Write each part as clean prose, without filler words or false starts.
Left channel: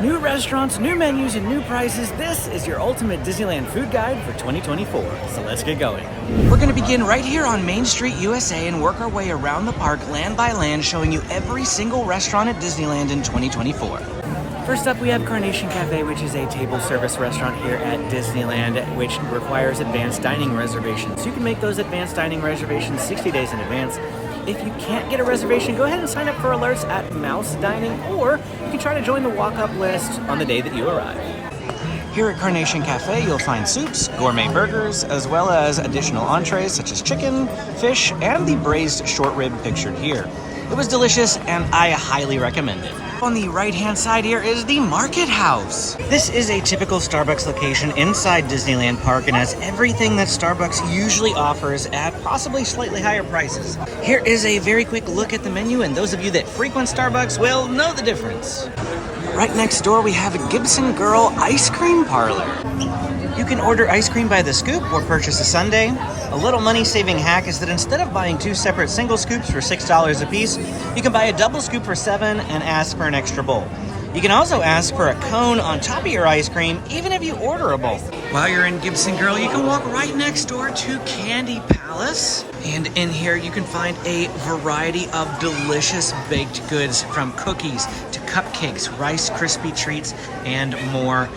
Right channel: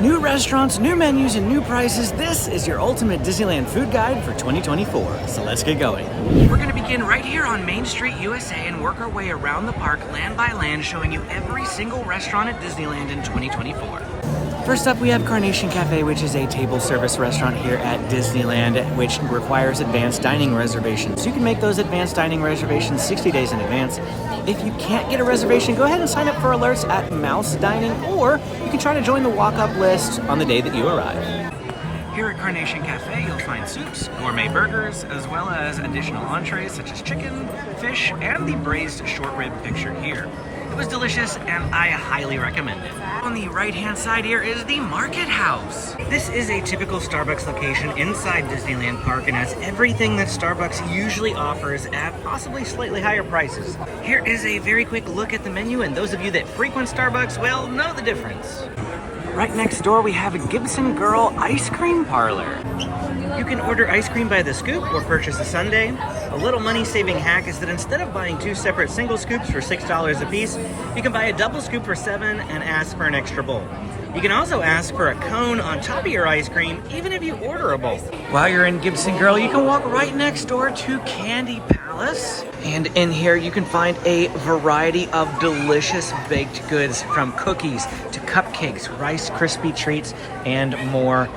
New restaurants, new menus, and new prices. This is your ultimate Disneyland food guide for 2024. So let's get going. We're gonna begin right here on Main Street, USA, and work our way around the park land by land, showing you every single restaurant at Disneyland in 2024. First up, we have Carnation Cafe, which is a table service restaurant here at Disneyland, which requires advanced dining reservations. You can make those advanced dining reservations 60 days in advance. If you can't get a reservation, go ahead and sign up for alerts at Mouse Dining, or you can try to join the walk-up list on the day that you arrive. Here at Carnation Cafe, you'll find soups, gourmet burgers, as well as additional entrees such as chicken, fish, and the braised short rib pictured here. It was delicious, and I highly recommend it. On the right-hand side here is the Market House. This is a typical Starbucks location inside Disneyland Park and has everything that Starbucks usually offers at possibly slightly higher prices. Here is a very quick look at the menu, and those of you that frequent Starbucks will know the difference. Right next door, we have a Gibson Girl Ice Cream Parlor. You can order ice cream by the scoop or purchase a sundae. A little money-saving hack is that instead of buying two separate single scoops for $6 a piece, you can buy a double scoop for $7 and ask for an extra bowl. You can also ask for a cone on top of your ice cream, even if you order a bowl. While you're in Gibson Girl, you can walk right next door to Candy Palace. And in here, you can find a variety of delicious baked goods, from cookies to cupcakes, Rice Krispie treats, and more.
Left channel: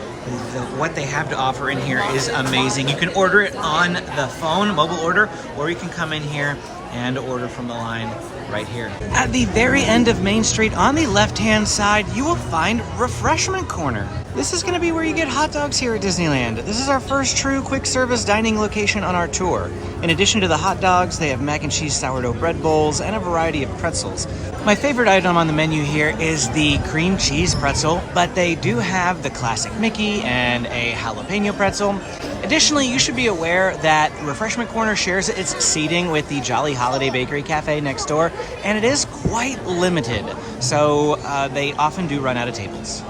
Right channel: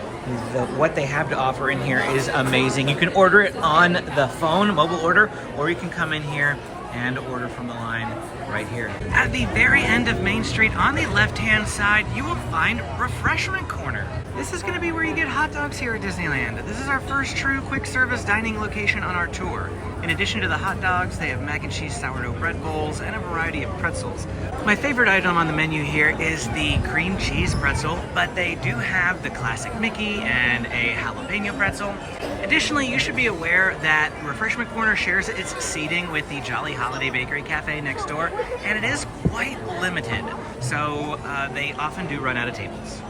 What they have to offer in here is amazing. You can order it on the phone, mobile order, or you can come in here and order from the line right here. At the very end of Main Street, on the left-hand side, you will find Refreshment Corner. This is going to be where you get hot dogs here at Disneyland. This is our first true quick service dining location on our tour. In addition to the hot dogs, they have mac and cheese sourdough bread bowls and a variety of pretzels. My favorite item on the menu here is the cream cheese pretzel, but they do have the classic Mickey and a jalapeno pretzel. Additionally, you should be aware that Refreshment Corner shares its seating with the Jolly Holiday Bakery Cafe next door, and it is quite limited, so they often do run out of tables.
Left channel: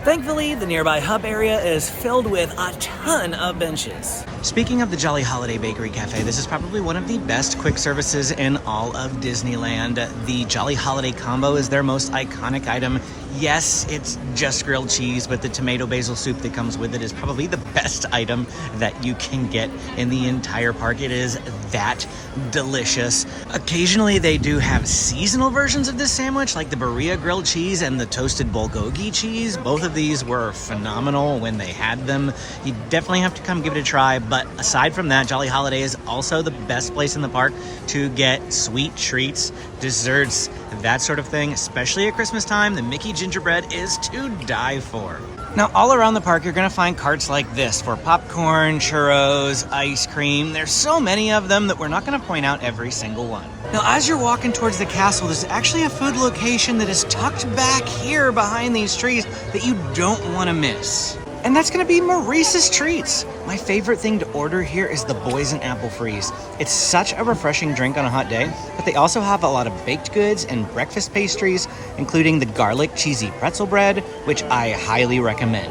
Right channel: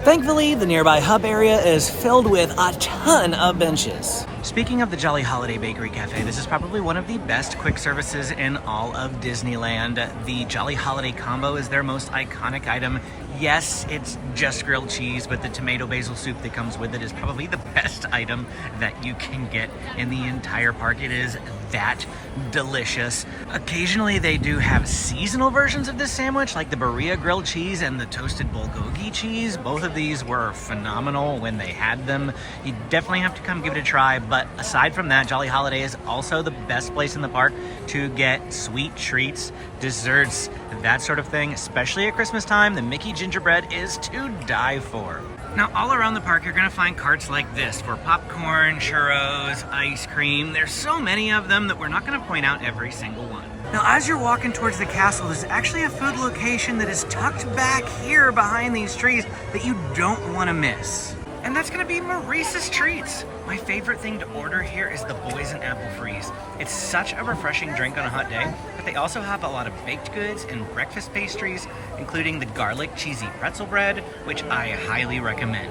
Thankfully, the nearby hub area is filled with a ton of benches. Speaking of the Jolly Holiday Bakery Cafe, this is probably one of the best quick services in all of Disneyland. The Jolly Holiday Combo is their most iconic item. Yes, it's just grilled cheese, but the tomato basil soup that comes with it is probably the best item that you can get in the entire park. It is that delicious. Occasionally, they do have seasonal versions of this sandwich, like the Berea grilled cheese and the toasted bulgogi cheese. Both of these were phenomenal when they had them. You definitely have to come give it a try. But aside from that, Jolly Holiday is also the best place in the park to get sweet treats, desserts, that sort of thing, especially at Christmas time. The Mickey gingerbread is to die for. Now, all around the park, you're gonna find carts like this for popcorn, churros, ice cream. There's so many of them that we're not gonna point out every single one. Now, as you're walking towards the castle, there's actually a food location that is tucked back here behind these trees that you don't wanna miss. And that's gonna be Maurice's Treats. My favorite thing to order here is the Boysen Apple Freeze. It's such a refreshing drink on a hot day, but they also have a lot of baked goods and breakfast pastries, including the garlic cheesy pretzel bread, which I highly recommend.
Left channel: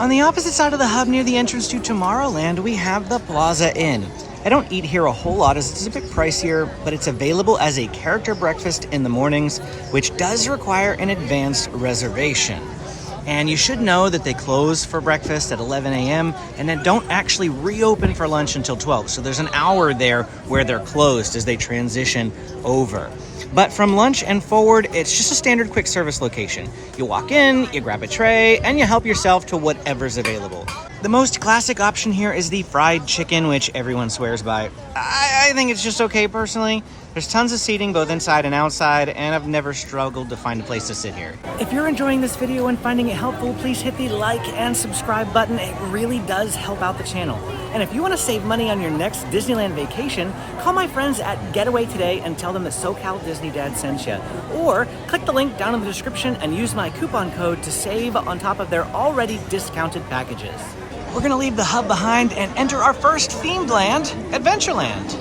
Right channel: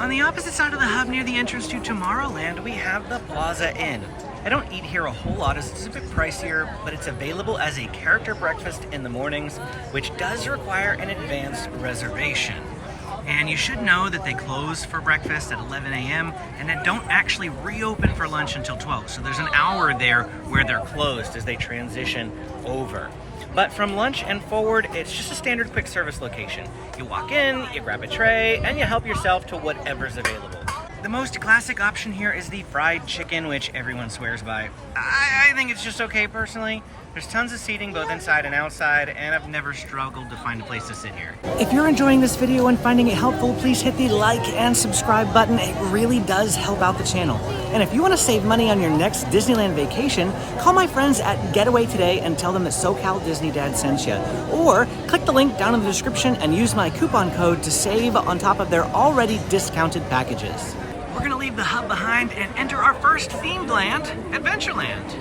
On the opposite side of the hub near the entrance to Tomorrowland, we have the Plaza Inn. I don't eat here a whole lot as it's a bit pricier, but it's available as a character breakfast in the mornings, which does require an advanced reservation. And you should know that they close for breakfast at 11 a.m. and then don't actually reopen for lunch until 12. So there's an hour there where they're closed as they transition over. But from lunch and forward, it's just a standard quick service location. You walk in, you grab a tray, and you help yourself to whatever's available. The most classic option here is the fried chicken, which everyone swears by. I think it's just okay personally. There's tons of seating both inside and outside, and I've never struggled to find a place to sit here. If you're enjoying this video and finding it helpful, please hit the like and subscribe button. It really does help out the channel. And if you want to save money on your next Disneyland vacation, call my friends at Getaway today and tell them that SoCal Disney Dad sent you. Or click the link down in the description and use my coupon code to save on top of their already discounted packages. We're gonna leave the hub behind and enter our first themed land, Adventureland.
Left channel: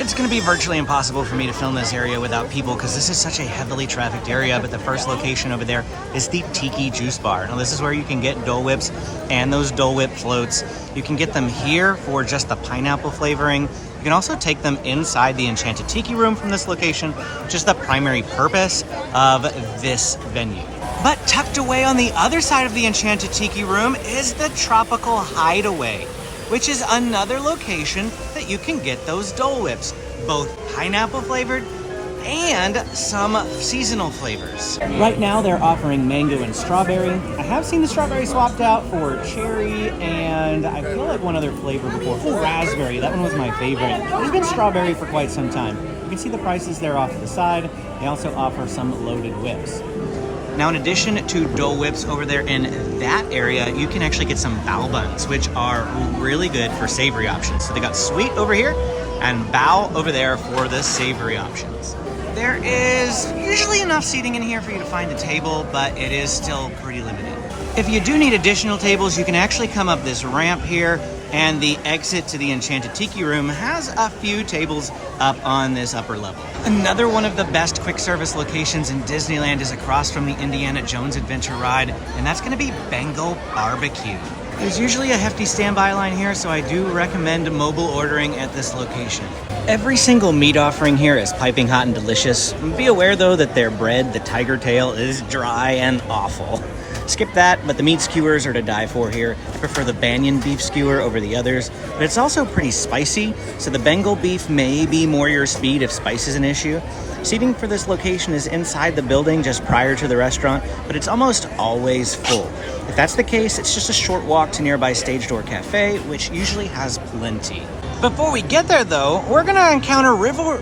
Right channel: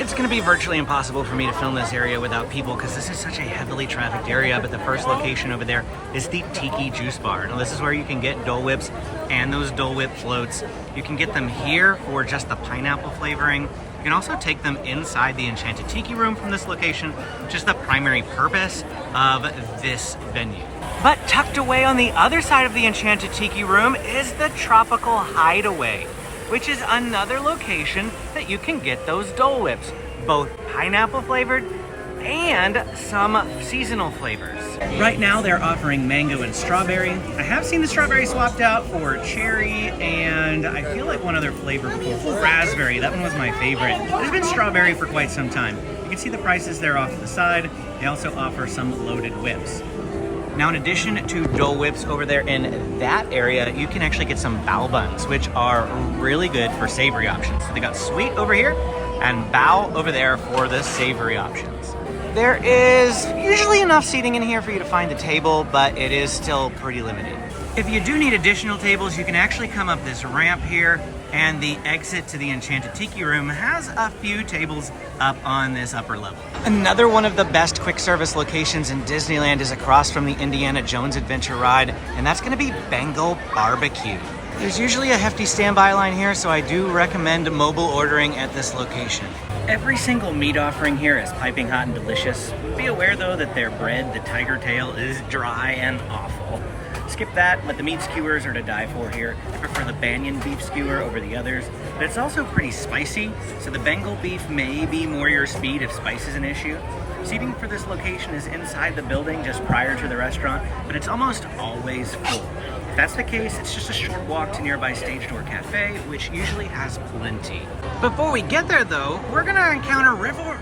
It's gonna be virtually impossible for me to film this area without people because this is such a heavily trafficked area, but the first location over there is the Tiki Juice Bar. Now this is where you can get Dole Whips and those Dole Whip floats. You can get them here for just the pineapple flavoring. You can also take them inside the Enchanted Tiki Room from this location, which is the primary purpose of this venue. But tucked away on the other side of the Enchanted Tiki Room is the Tropical Hideaway, which is another location that you can get those Dole Whips, both pineapple flavored and some seasonal flavors. Right now they're offering mango and strawberry. I have seen the strawberry swapped out for cherry and I feel like one other flavor before. Raspberry, that one was my favorite. There's been strawberry for quite some time. You can see the prices there off to the side. They also offer some loaded whips. Now, in addition to Dole Whips over there in that area, you can actually get some bao buns, which are really good for savory options. So they got sweet over here and bao over there for the savory options. There is usually enough seating in here for you to find a table, but it is still pretty limited. If you do need additional tables, you can actually come up this ramp here, and the exit to the Enchanted Tiki Room has a few tables up on this upper level. Another one of the best quick service locations in Disneyland is across from the Indiana Jones Adventure ride, and that's going to be Bengal Barbecue. There's usually a hefty standby line here, so I do recommend mobile ordering at this location. Every single meat offering here is piping hot and delicious. Be aware though that their bread, the tiger tail, is dry and awful. Skip that, but the meat skewers are to die for here. I prefer the Banyan beef skewer over the others, but it's also pretty spicy, so the Bengal beef may be more your speed if spice is an issue. Seating for this location is inside the building just prior to the restaurant, but it's almost always full. If that's the case, it's just a short walk to nearby Stage Door Cafe, which usually has plenty. Before we get there though, we're going to encounter river.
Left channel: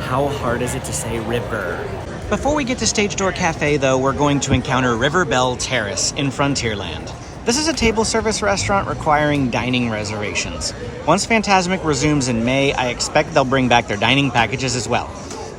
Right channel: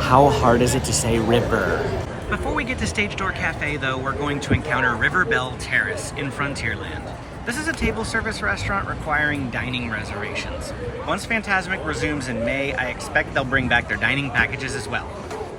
How hard is it to say river? Before we get to Stage Door Cafe though, we're going to encounter River Belle Terrace in Frontierland. This is a table service restaurant requiring dining reservations. Once Fantasmic resumes in May, I expect they'll bring back their dining packages as well.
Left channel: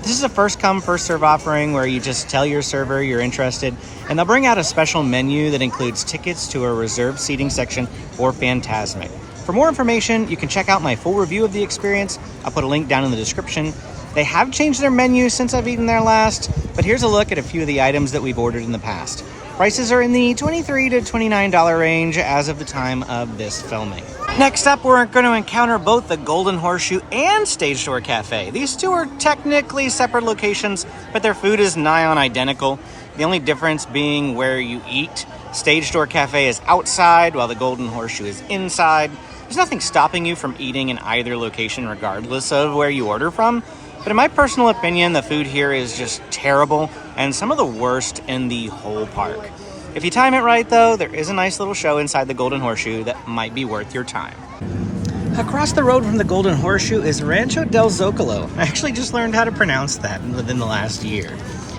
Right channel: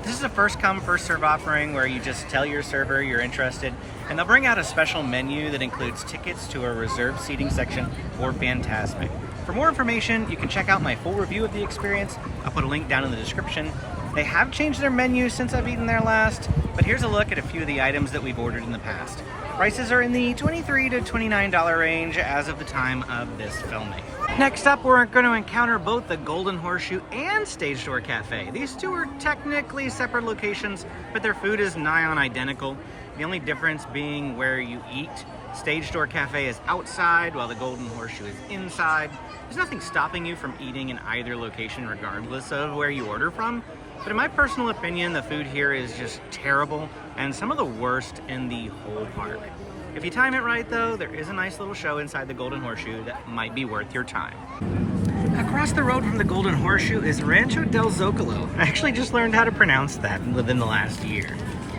This is a first come, first serve offering where you just tell your server you're interested, and they'll bring out a special menu that includes tickets to a reserved seating section for Fantasmic. For more information, you can check out my full review of the experience. I'll put a link down in the description. They have changed their menu since I've eaten there last, but here's a look at a few of the items that we've ordered in the past. Prices are in the $23 to $29 range as of the time of this filming. Next up, we're going to encounter both the Golden Horseshoe and Stage Door Cafe. These two are technically separate locations, but their food is nigh on identical. The only difference being where you eat. Stage Door Cafe is outside, while the Golden Horseshoe is inside. There's nothing stopping you from eating in either location regardless of where you order from. But in my personal opinion, the food here is just terrible and some of the worst in the whole park. If you time it right though, there is a nice little show inside the Golden Horseshoe that might be worth your time. Across the road from the Golden Horseshoe is Rancho del Zocalo. I actually just learned how to pronounce that within the last year.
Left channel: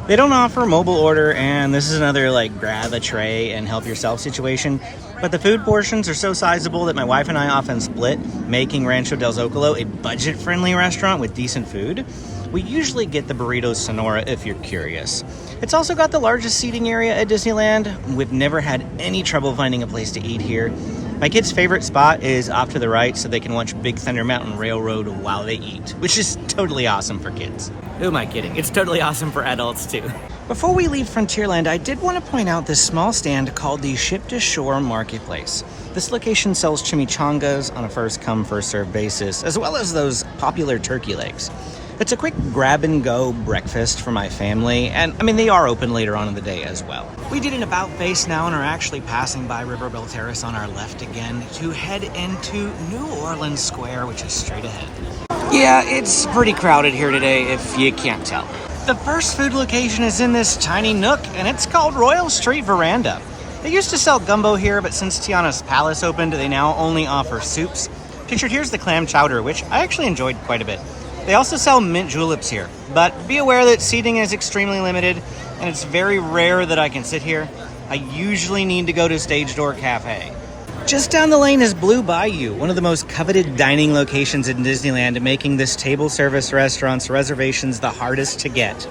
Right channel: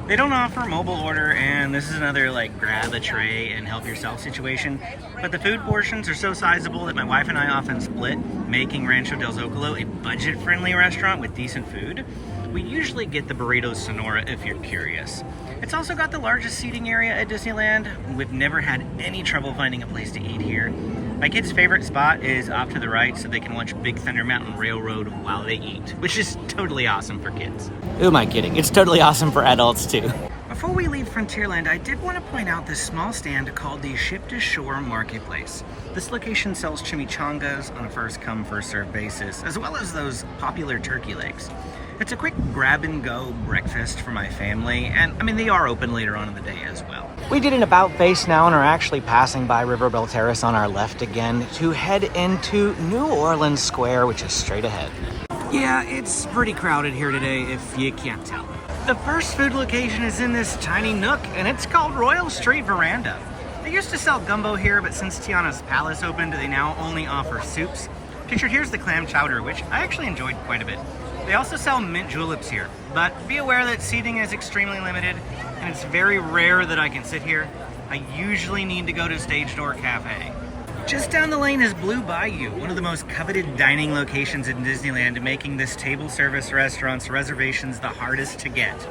They don't offer mobile order, and this is another like grab a tray and help yourself situation. But the food portions are so sizable that my wife and I often split, making Rancho del Zocalo a budget-friendly restaurant with decent food. We usually get the Burritos Sonora if you're curious. It's also got the largest seating area at Disneyland. We've never had any trouble finding a place to eat here. My kids' favorite spot is off to the right so they can watch Big Thunder Mountain Railroad while they eat, which is totally awesome for kids. Who am I kidding? It's totally awesome for adults too. Before we leave Frontierland, I did want to point out this small stand called the Ship to Shore Marketplace. This location sells chimichangas on a first-come, first-served basis, as well as those popular turkey legs. It's a quick grab-and-go breakfast for my family, and I mean, they are open later on in the day as well. We did an about face now and are actually passing by River Belle Terrace on our left again to head into New Orleans Square, which is straight ahead. Yeah, it's pretty crowded here today, if you can't tell. The first food location is in this tiny nook, and it's called Royal Street Veranda. They used to sell gumbo here, but since Tiana's Palace opened, they now only offer soups. Pictured here's the clam chowder, which I actually enjoyed quite a bit. They also sell mint juleps here, but be aware that seating is extremely limited, and it's very rare that I can sit here. I usually need to go to Stage Door Cafe. Just down the lane is Blue Bayou, one of the most coveted dining locations in Disneyland, making this table service restaurant's reservations the hardest to get.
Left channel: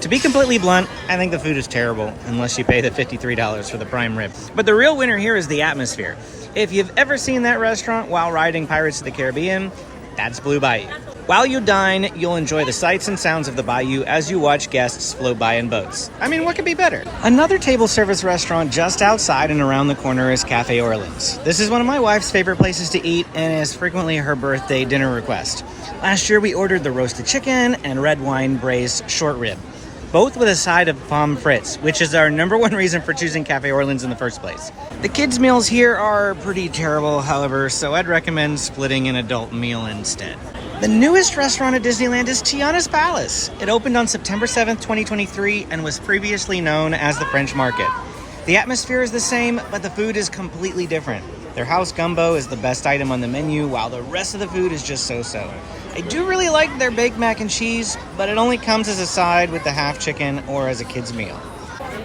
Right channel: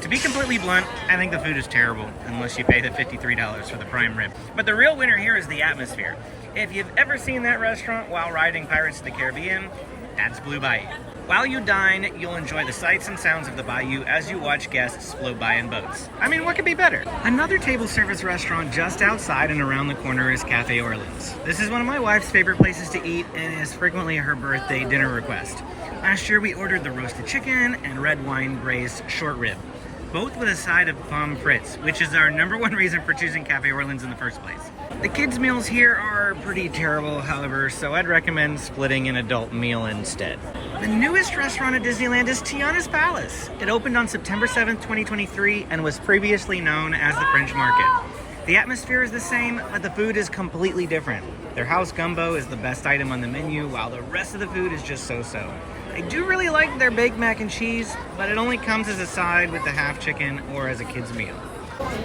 To be completely blunt, I think the food is terrible, unless you pay the $53 for the prime rib. But the real winner here is the atmosphere. If you've ever seen that restaurant while riding Pirates of the Caribbean, that's Blue Bayou. While you dine, you'll enjoy the sights and sounds of the bayou as you watch guests float by in boats. I mean, what could be better? Another table service restaurant just outside and around the corner is Cafe Orleans. This is one of my wife's favorite places to eat and is frequently her birthday dinner request. Last year we ordered the roasted chicken and red wine braised short rib. both with a side of pommes frites, which is our #1 reason for choosing Cafe Orleans in the first place. The kids' meals here are pretty terrible, however, so I'd recommend splitting an adult meal instead. The newest restaurant at Disneyland is Tiana's Palace. It opened on September 7th, 2023, and was previously known as the French Market. The atmosphere is the same, but the food is completely different. Their house gumbo is the best item on the menu, while the rest of the food is just so-so. I do really like their baked mac and cheese, but it only comes as a side with the half chicken or as a kid's meal.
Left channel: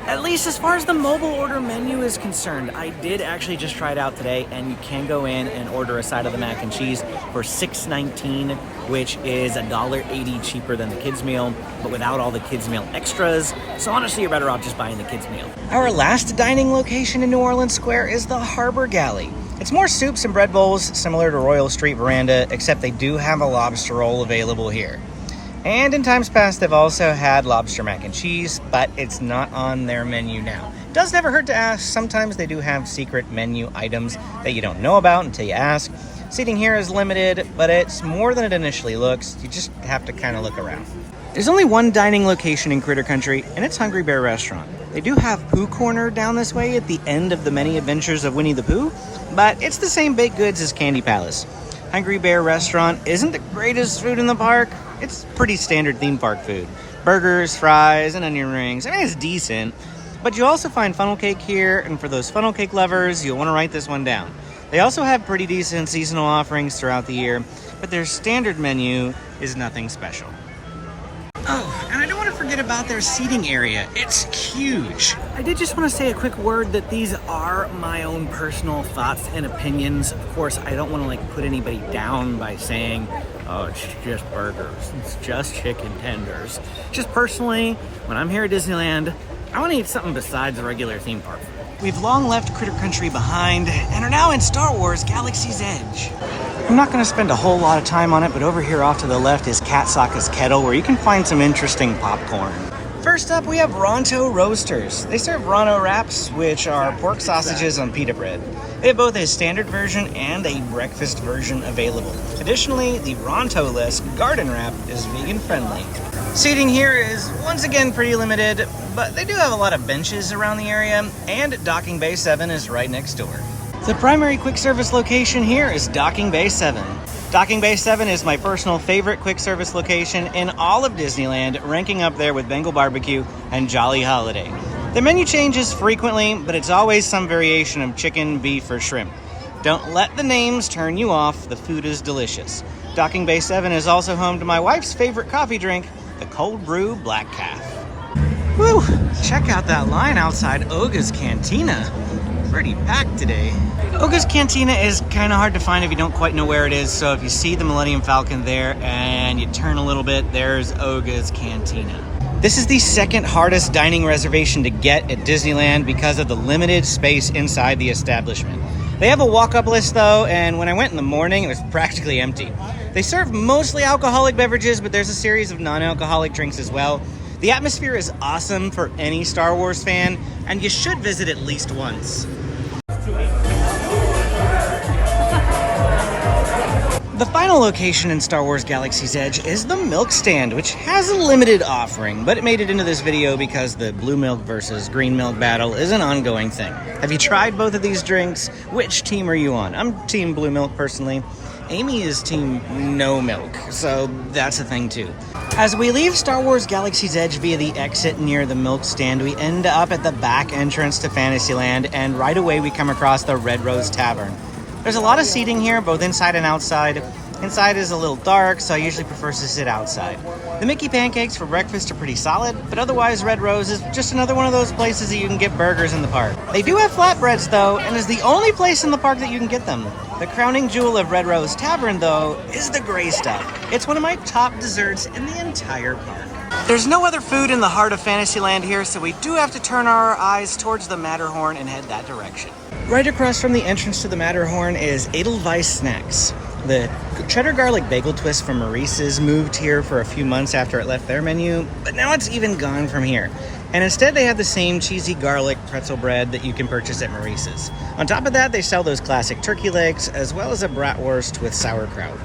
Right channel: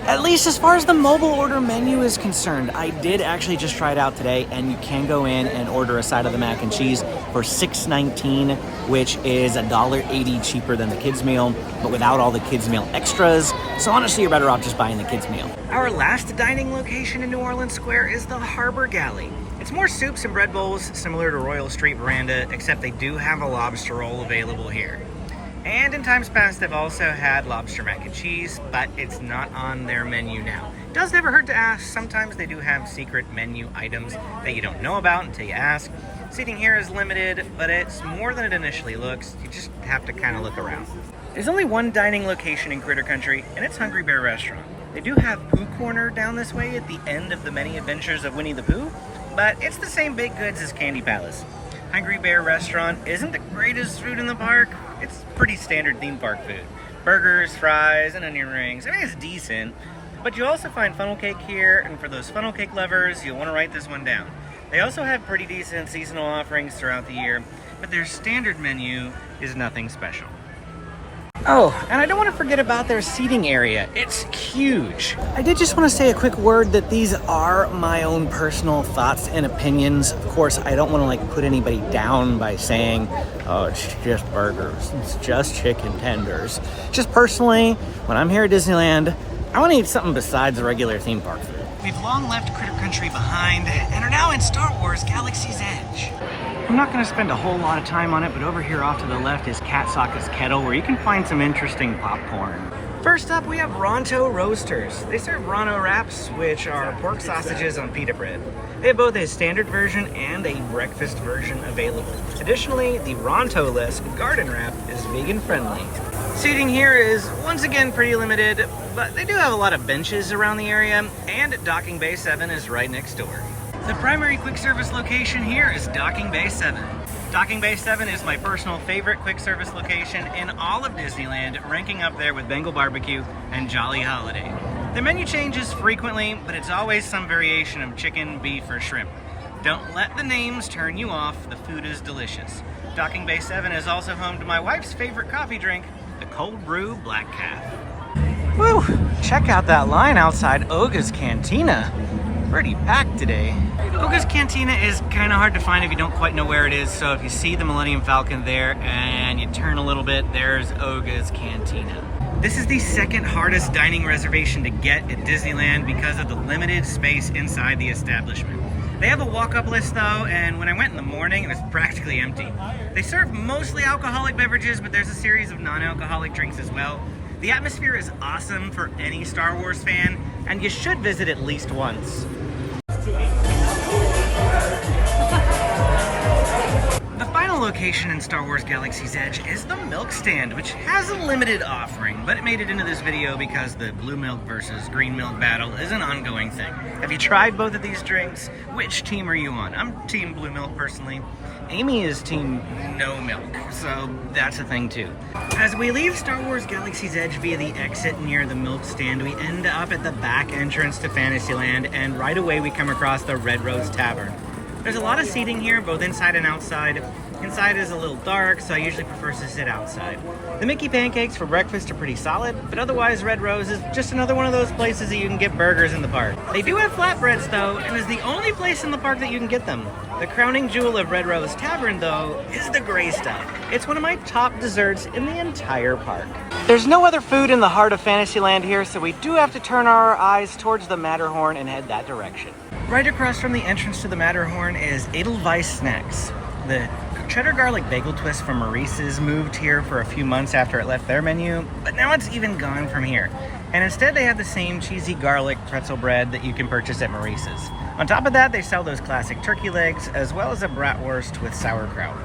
At least as far as the mobile order menu is concerned, I did actually just try it out today, and you can go in and order a side of the mac and cheese for $6.19, which is $1.80 cheaper than the kids meal, but without all the kids meal extras. So honestly, you're better off just buying the kids meal. Our last dining location in New Orleans Square is the Harbor Galley. It's more soups and bread bowls, similar to Royal Street Veranda, except they do have a lobster roll available here. And in times past, they've also had lobster mac and cheese, but it's not on their menu now. It does never hurt to ask. Sometimes they do have secret menu items that you don't know about until you ask. Seating here is limited, but it's more than it initially looks. You just have to kind of look around. There's only one dining location in Critter Country, and it's Hungry Bear Restaurant. They do have Pooh Corner down this way at the end of the many adventures of Winnie the Pooh, but it's the same baked goods as Candy Palace. Hungry Bear Restaurant isn't the greatest food in the park. It's pretty standard theme park food. Burgers, fries, and onion rings. I mean, it's decent. But you also find funnel cake here, and for those funnel cake lovers, you'll want to write this one down. They also have pretty decent seasonal offerings throughout the year, but their standard menu is nothing special. Oh, and I don't want to forget about their seating area. It's huge. I did just want to say a quick word that these are my own personal thoughts and opinions. Of course, I don't want to put anybody down by saying, oh, it's just burgers, it's just chicken tenders. Just personally, when I'm here at Disneyland, I want to eat something besides the regular theme park food. We've long left Critter Country behind and are now in Star Wars Galaxy's Edge. I'm not going to spend a whole lot of time on it, but over here off to the left is Cat Sokka's Kettle, where you can find some interesting popcorn. First up, we have Ronto Roasters. They serve Ronto wraps, which are pork sausages on pita bread. They have both a standard version and a breakfast version available. Additionally, the Ronto-less garden wrap is vegan friendly. Seating here is once again pretty limited, but they do have a lot of benches around the area, and Docking Bay 7 is right next door. The primary quick service location here is Docking Bay 7. Docking Bay 7 is my personal favorite quick service location in all of Disneyland, ranking up there with Bengal Barbecue and Jolly Holiday. The menu changes frequently, but it's always some variation of chicken, beef, or shrimp. Don't let the names turn you off, the food is delicious. Docking Bay 7 is also home to my wife's favorite coffee drink, the Cold Brew Black Calf. Woo! Check out that line outside Oga's Cantina. Pretty packed today. Oga's Cantina is kind of hard to find if you don't quite know where it is, so if you see the Millennium Falcon there and you turn a little bit, there's Oga's Cantina. This is the second hardest dining reservation to get at Disneyland because of the limited space inside the establishment. They have a walk-up list though, and when I went in the morning, it was practically empty. They serve mostly alcoholic beverages, but there's a series of non-alcoholic drinks as well. The atmosphere is awesome for any Star Wars fan, and you should visit at least once. The final location in Star Wars Galaxy's Edge is the Milk Stand, which has a limited offering, but it made it into this video because the blue milk versus green milk battle is an ongoing thing. Have you tried both of these drinks? Which team are you on? I'm team blue milk personally. Amy is team no milk, so that's a thing too. As we leave Star Wars Galaxy's Edge via the exit near the Milk Stand, we end up at the back entrance to Fantasyland, and right away we come across the Red Rose Tavern. There's a lot of seating here, both inside and outside. Inside is a little dark, so I usually prefer to sit outside. The Mickey pancakes for breakfast are pretty solid, but otherwise Red Rose is just another one of those places that you can get burgers in the park. They do have flatbreads though, and is the only place in the park that you can get them. The crowning jewel of Red Rose Tavern though is the gray stuff. It's one of my top desserts in the entire park. There's no other food in the heart of Fantasyland here, so we do have to turn our eyes towards the Matterhorn and head that direction. Right across from the entrance to the Matterhorn is Edelweiss Snacks. The cheddar garlic bagel twist from Maurice's moved here for a few months after it left their menu, but now it's even gone from here. And instead they have the same cheesy garlic pretzel bread that you can purchase at Maurice's. On top of that, they sell those classic turkey legs, as well as a bratwurst with sauerkraut.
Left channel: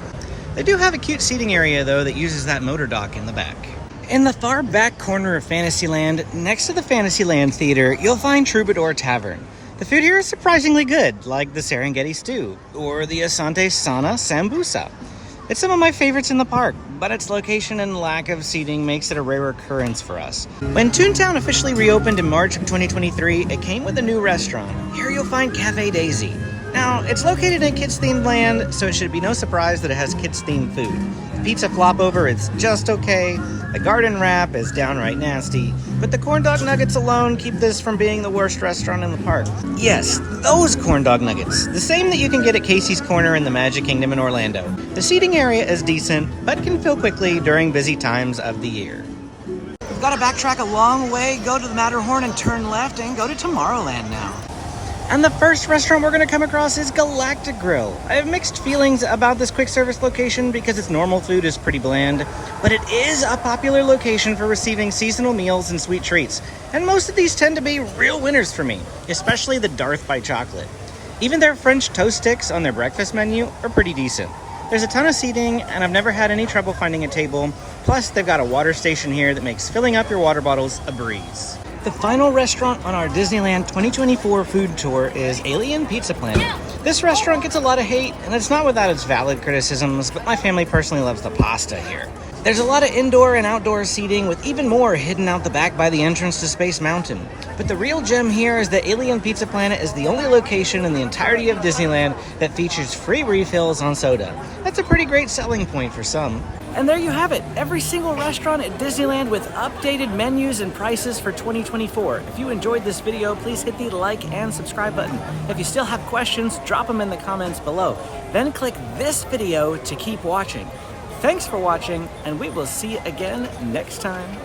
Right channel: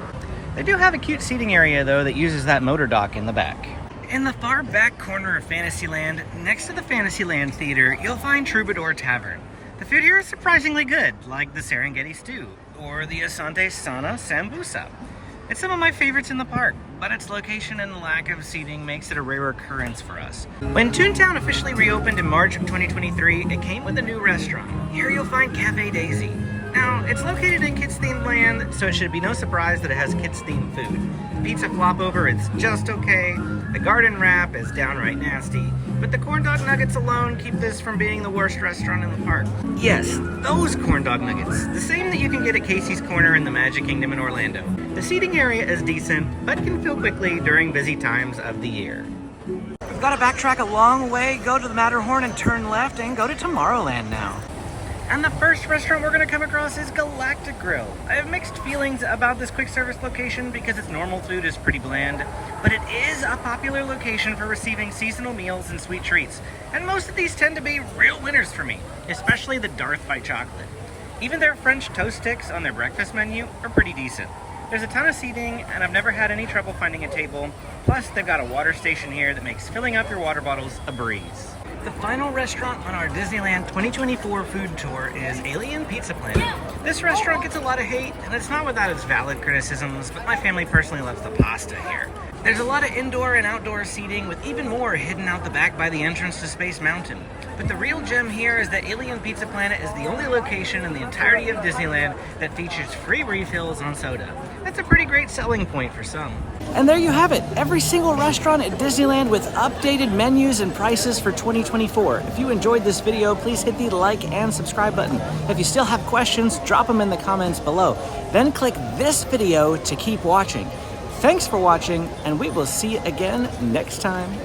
They do have a cute seating area though that uses that motor dock in the back. In the far back corner of Fantasyland, next to the Fantasyland Theater, you'll find Troubadour Tavern. The food here is surprisingly good, like the Serengeti Stew or the Asante Sana Sambusa. It's some of my favorites in the park, but its location and lack of seating makes it a rare occurrence for us. When Toontown officially reopened in March of 2023, it came with a new restaurant. Here you'll find Cafe Daisy. Now, it's located in kids-themed land, so it should be no surprise that it has kids-themed food. The pizza flop over is just okay, the garden wrap is downright nasty, but the corn dog nuggets alone keep this from being the worst restaurant in the park. Yes, those corn dog nuggets, the same that you can get at Casey's Corner in the Magic Kingdom in Orlando. The seating area is decent, but can fill quickly during busy times of the year. We've got to backtrack a long way, go to the Matterhorn and turn left and go to Tomorrowland now. And the first restaurant we're going to come across is Galactic Grill. I have mixed feelings about this quick service location because its normal food is pretty bland, but it is a popular location for receiving seasonal meals and sweet treats. And most of these tend to be real winners for me, especially the Darth by Chocolate. Even their French toast sticks on their breakfast menu are pretty decent. There's a ton of seating, and I've never had any trouble finding a table. Plus, they've got a water station here that makes filling up your water bottles a breeze. The final restaurant on our Disneyland 2024 food tour is Alien Pizza Planet. This restaurant gets a lot of hate, and it's not without its valid criticisms, but my family personally loves the pasta here. There's a lot of indoor and outdoor seating, with even more hidden out the back by the entrance to Space Mountain. But the real gem here is that Alien Pizza Planet is the only location in the entirety of Disneyland that features free refills on soda. That's a pretty great selling point for some. And there you have it, every single restaurant at Disneyland with updated menus and prices for 2024. If you enjoyed this video, please hit the like and subscribe button. If you still have questions, drop them in the comments below. Then click this video to keep watching. Thanks for watching, and we will see you again next time.